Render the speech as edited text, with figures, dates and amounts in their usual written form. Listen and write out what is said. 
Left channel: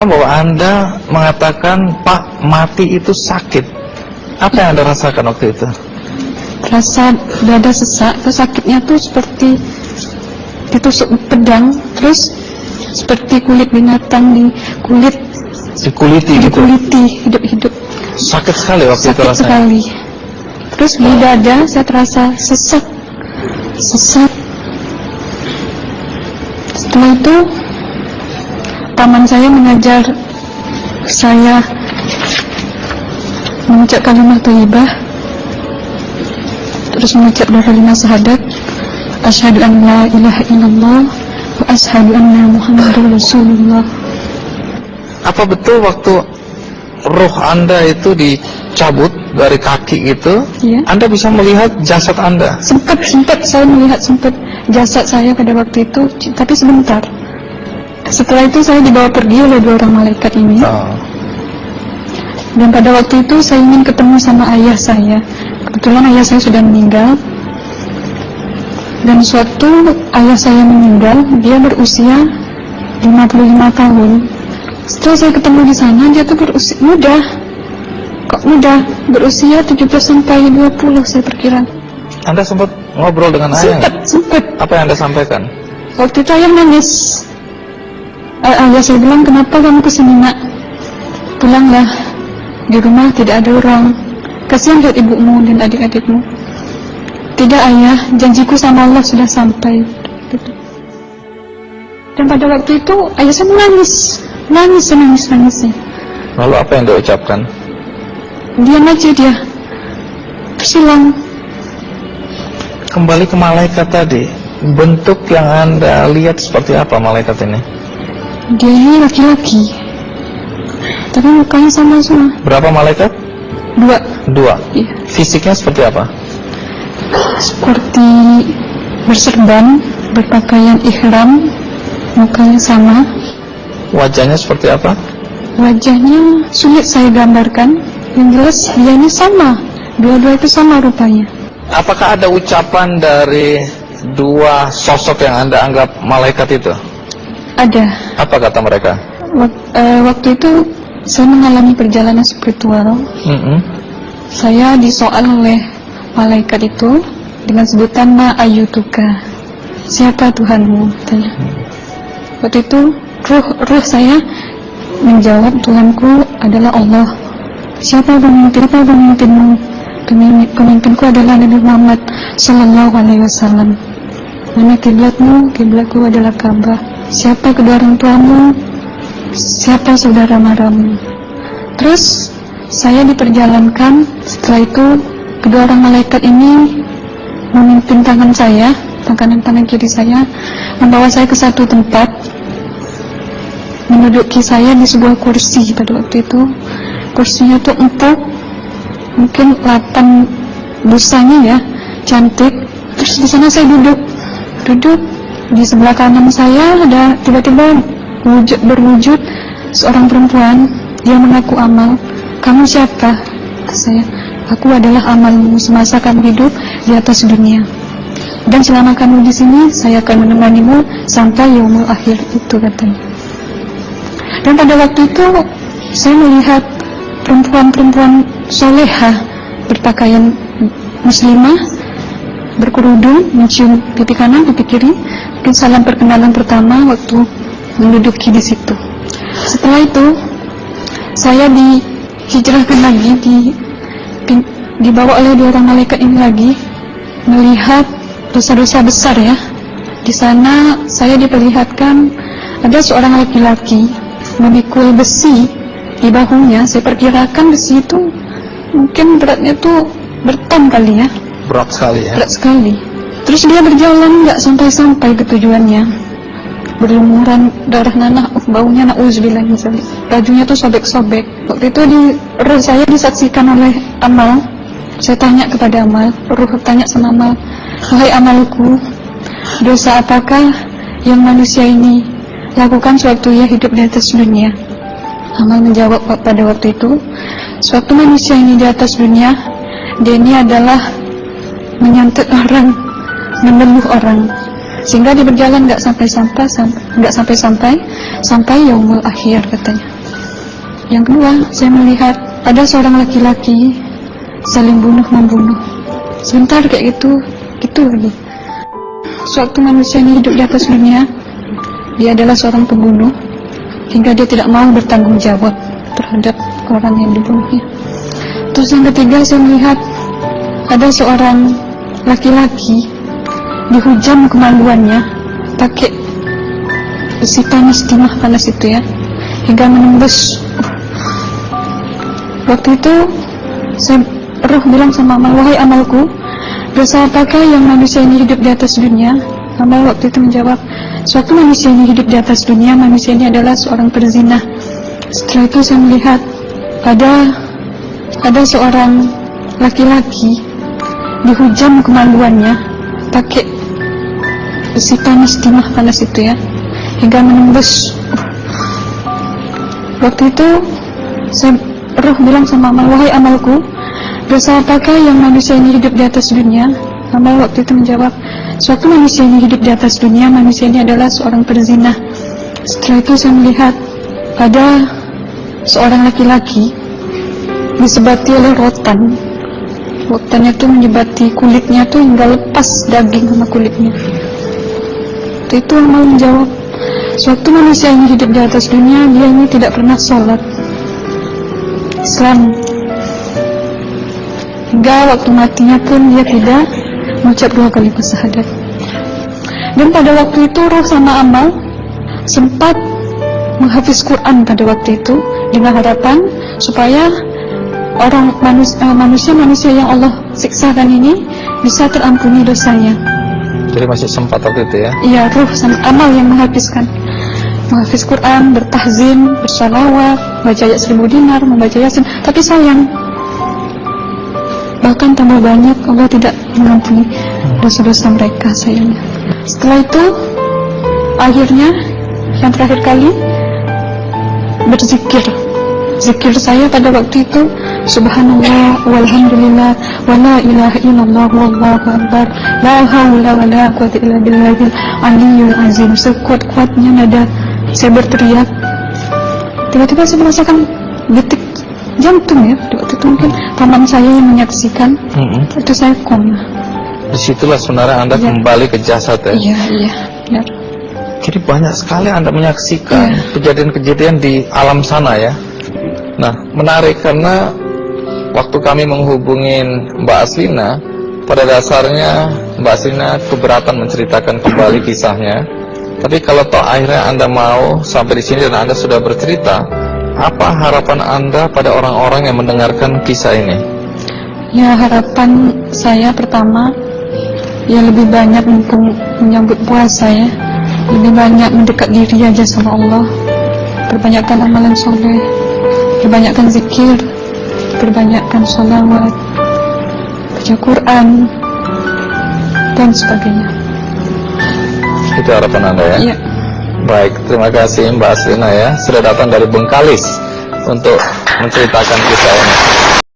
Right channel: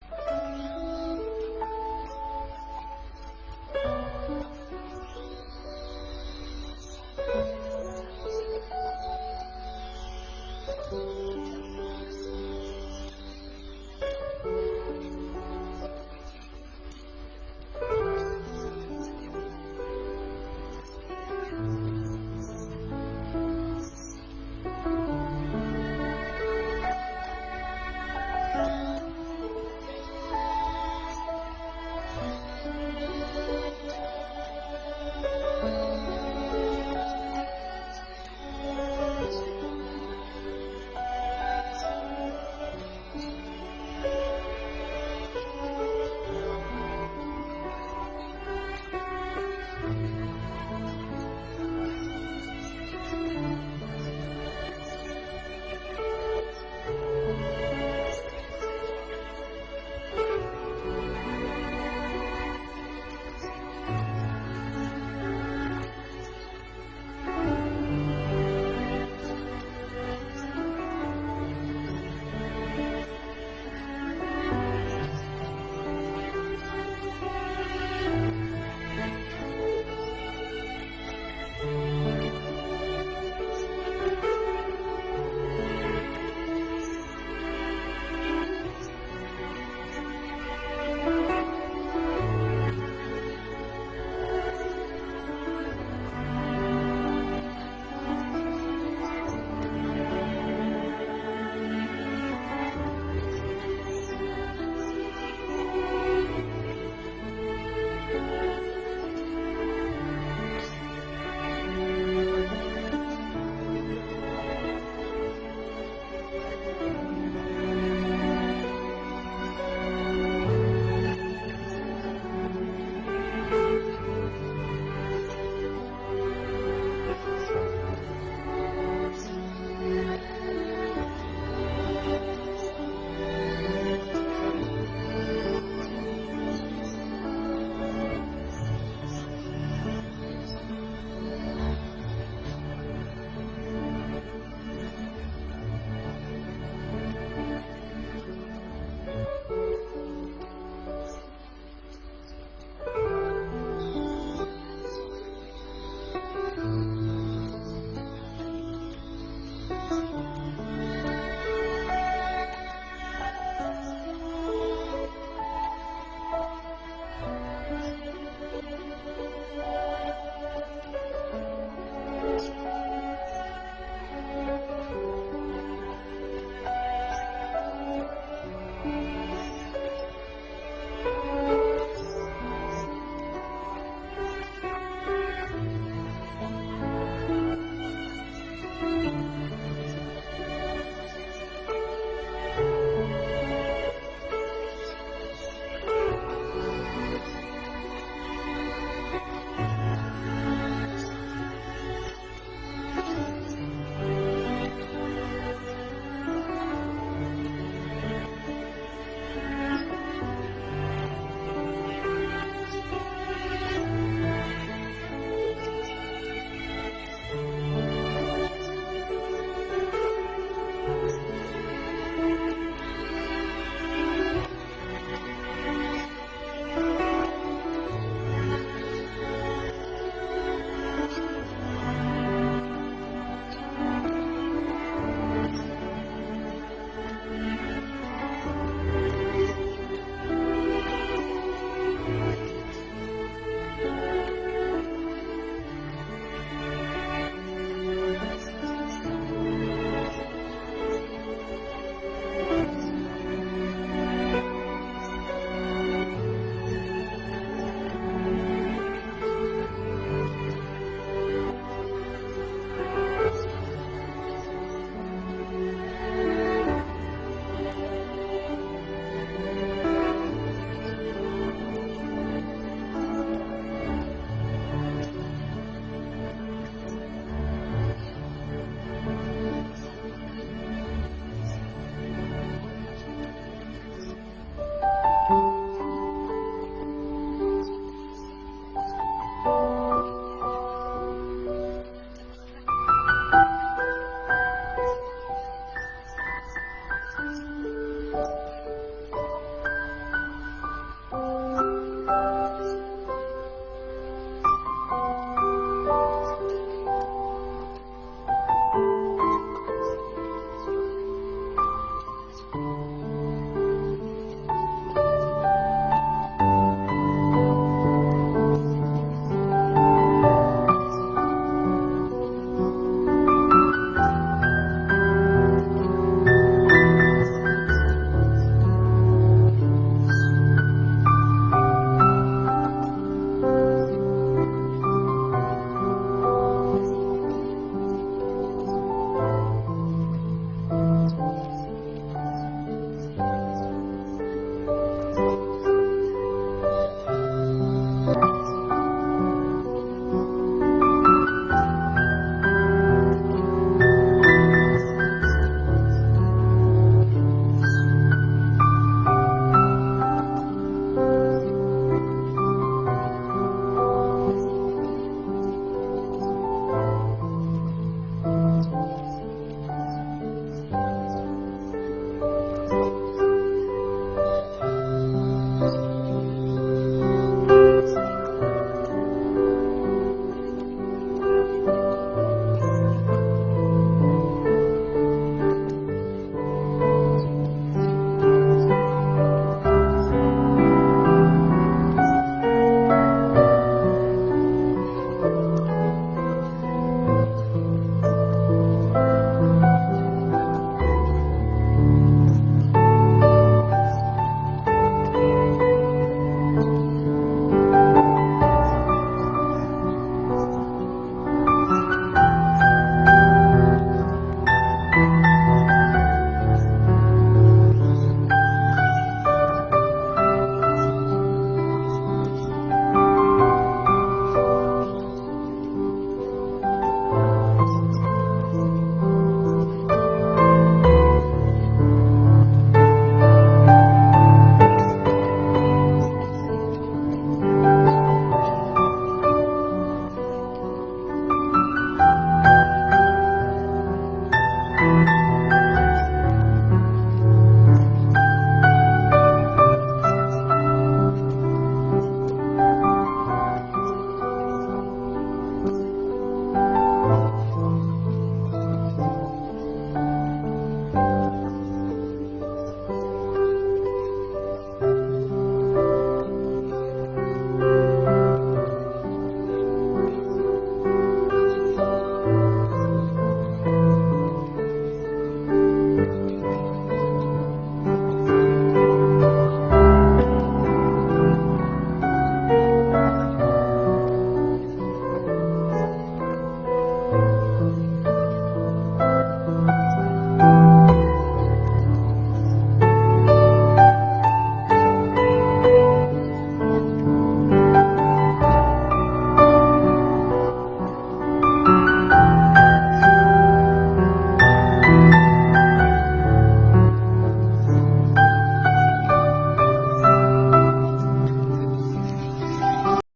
bahwa Anda mengatakan Pak mati itu sakit. Apa yang Anda rasakan waktu itu? Rasa dada sesak, sakitnya tuh seperti ditusuk pedang, terus seperti kulit binatang Dikuliti gitu? dikuliti hidup-hidup. Sakit sekali waktu itu Sakit rasanya? sekali. Terus di dada saya terasa sesak. Setelah itu paman saya mengajar saya mengucap kalimat thayyibah, terus mengucap doa 5 syahadat, asyhadu an la ilaha illallah wa asyhadu anna muhammadar rasulullah. Apa betul waktu roh Anda itu dicabut dari kaki gitu, Iya. Anda bisa melihat jasad Anda? Sempat saya melihat jasad saya pada waktu itu, tapi sebentar. Setelah itu saya dibawa pergi oleh 2 orang malaikat ini. Oh. Dan pada waktu itu saya ingin ketemu sama ayah saya. Kebetulan ayah saya sudah meninggal. Dan suatu ayah saya meninggal, dia berusia 55 tahun. Setelah saya ketemu di sana, dia tuh berusia muda. Kok muda? Berusia 17 sampai 20 saya perkira. Anda sempat ngobrol dengan ayah? Sempat. Apa yang Anda sampaikan? Waktu itu ayah nangis. Ayah saya bilang, kenapa kamu kesini nak? Pulanglah, di rumah tidak ada orang. Kasihan lihat ibumu dan adik-adikmu. Tidak ayah, janjiku sama Allah sudah sampai. Dan pada waktu itu ayah saya menangis. Lalu apa yang dia ucapkan? Diam aja dia, tersilang. Kembali ke malaikat tadi, bentuk yang Anda lihat seperti apa malaikat ini? Dia ini laki-laki, tapi mukanya sama semua. Berapa malaikat? 2. Iya. Fisiknya seperti apa? Seperti berserban, berpakaian ihram, mukanya sama. Wajahnya seperti apa? Wajahnya sulit saya gambarkan. Yang jelas dia ini sama, dua-dua itu sama rupanya. Apakah ada ucapan dari 2 sosok yang Anda anggap malaikat itu? Ada. Apa kata mereka? Waktu itu saya mengalami perjalanan spiritual. Saya disoal oleh malaikat itu dengan sebutan Ma ayyutuka, siapa Tuhanmu? Tanya. Waktu itu roh saya menjawab, Tuhanku adalah Allah. Siapa pemimpinmu? Pemimpinku adalah Nabi Muhammad Sallallahu Alaihi Wasallam. Mana kiblatmu? Kiblatku adalah Ka'bah. Siapa kedua orang tuamu? Siapa saudara maramu? Terus saya diperjalankan. Setelah itu kedua orang malaikat ini memimpin tangan saya, tangan kiri saya, membawa saya ke satu tempat, menduduki saya di sebuah kursi. Pada waktu itu kursinya tuh empuk, mungkin 8 busanya ya, cantik. Terus di sana saya duduk. Di sebelah kanan saya ada tiba-tiba berwujud seorang perempuan. Dia mengaku Amal. Kamu siapa? Kata saya. Aku adalah amalmu semasa kamu hidup di atas dunia. Dan selama kamu di sini, saya akan menemanimu sampai yaumul akhir, itu katanya. Dan pada waktu itu saya melihat perempuan-perempuan solehah berpakaian muslimah, berkerudung, mencium pipi kanan, pipi kiri. Mungkin salam perkenalan pertama waktu menduduki di situ. Setelah itu saya dihijrahkan lagi, dibawa oleh 2 orang malaikat ini lagi, melihat dosa-dosa besar ya. Di sana saya diperlihatkan ada seorang laki-laki memikul besi di bahunya. Saya perkirakan besi itu mungkin beratnya tuh berton kali ya. Berat sekali ya? Berat sekali. Terus dia berjalan nggak sampai ke tujuannya. Berlumuran darah nanah, baunya na'udzubillah misalnya. Bajunya tuh sobek-sobek. Waktu itu roh saya disaksikan oleh Amal. Saya tanya kepada Amal, roh tanya sama Amal, wahai amalku, dosa apakah yang manusia ini lakukan sewaktu ia hidup di atas dunia? Amal menjawab pada waktu itu, sewaktu manusia ini di atas dunia, dia ini adalah menyantet orang, meneluh orang. sehingga dia berjalan nggak sampai yaumul akhir katanya. Yang kedua, saya melihat ada seorang laki-laki saling bunuh-membunuh. Sebentar kayak gitu lagi. Sewaktu manusia ini hidup di atas dunia, dia adalah seorang pembunuh, hingga dia tidak mau bertanggung jawab terhadap orang yang dibunuhnya. Terus yang ketiga, saya melihat ada seorang laki-laki dihujam kemaluannya pakai besi panas, timah panas itu ya, hingga menembus. Waktu itu roh bilang sama amal, wahai amalku, dosa apakah yang manusia ini hidup di atas dunia? Amal waktu itu menjawab, suatu manusia ini hidup di atas dunia, manusia ini adalah seorang perzina. Setelah itu saya melihat ada seorang laki-laki dihujam kemaluannya pakai besi panas, timah panas itu ya, hingga menembus. Waktu itu roh bilang sama amal, wahai amalku, dosa apakah yang manusia ini hidup di atas dunia? Amal waktu itu menjawab, suatu manusia ini hidup di atas dunia, manusia ini adalah seorang perzina. Setelah itu saya melihat ada seorang laki-laki disebati oleh rotan. Rotannya itu menyebati kulitnya tuh hingga lepas daging sama kulitnya. Itu amal menjawab, suatu manusia ini hidup di atas dunia, dia ini tidak pernah sholat Islam, hingga waktu matinya pun dia tidak mengucap 2 kalimat syahadat. Dan pada waktu itu roh sama amal sempat menghafiz Quran pada waktu itu dengan harapan supaya orang manusia yang Allah siksakan ini bisa terampuni dosanya. Jadi masih sempat waktu itu ya? Iya, roh sama amal yang menghafiz Quran, bertahzim, bersalawat, baca ayat 1000 dinar, membaca Yasin. Tapi sayang, bahkan tambah banyak Allah tidak mengampuni dosa-dosa mereka, sayangnya. Setelah itu, akhirnya yang terakhir kali berzikir. Zikir saya pada waktu itu, subhanallah, walhamdulillah, wa la ilaha illallah, wallahu akbar, la haula wa la quwwata illa billahil aliyyil azim. Sekuat-kuatnya nada saya berteriak, tiba-tiba saya merasakan detik jantung ya. Waktu itu mungkin paman saya yang menyaksikan. Itu saya koma. Disitulah sebenarnya Anda kembali ke jasad ya? Iya, benar. Jadi banyak sekali Anda menyaksikan kejadian-kejadian di alam sana ya. Nah, menarik karena waktu kami menghubungin Mbak Aslina, pada dasarnya Mbak Aslina keberatan menceritakan kembali kisahnya. Tapi kalau toh akhirnya Anda mau sampai di sini dan Anda sudah bercerita, apa harapan Anda pada orang-orang yang mendengarkan kisah ini? Ya, harapan saya pertama, ya lebih banyak menyambut puasa ya, lebih banyak mendekat diri aja sama Allah, perbanyakkan amalan soleh, perbanyakkan zikir, perbanyakkan sholawat, baca Quran, dan sebagainya. Itu harapan Anda ya? Iya. Baik, terima kasih Mbak Aslina ya, sudah datang dari Bengkalis untuk menceritakan kisah ini.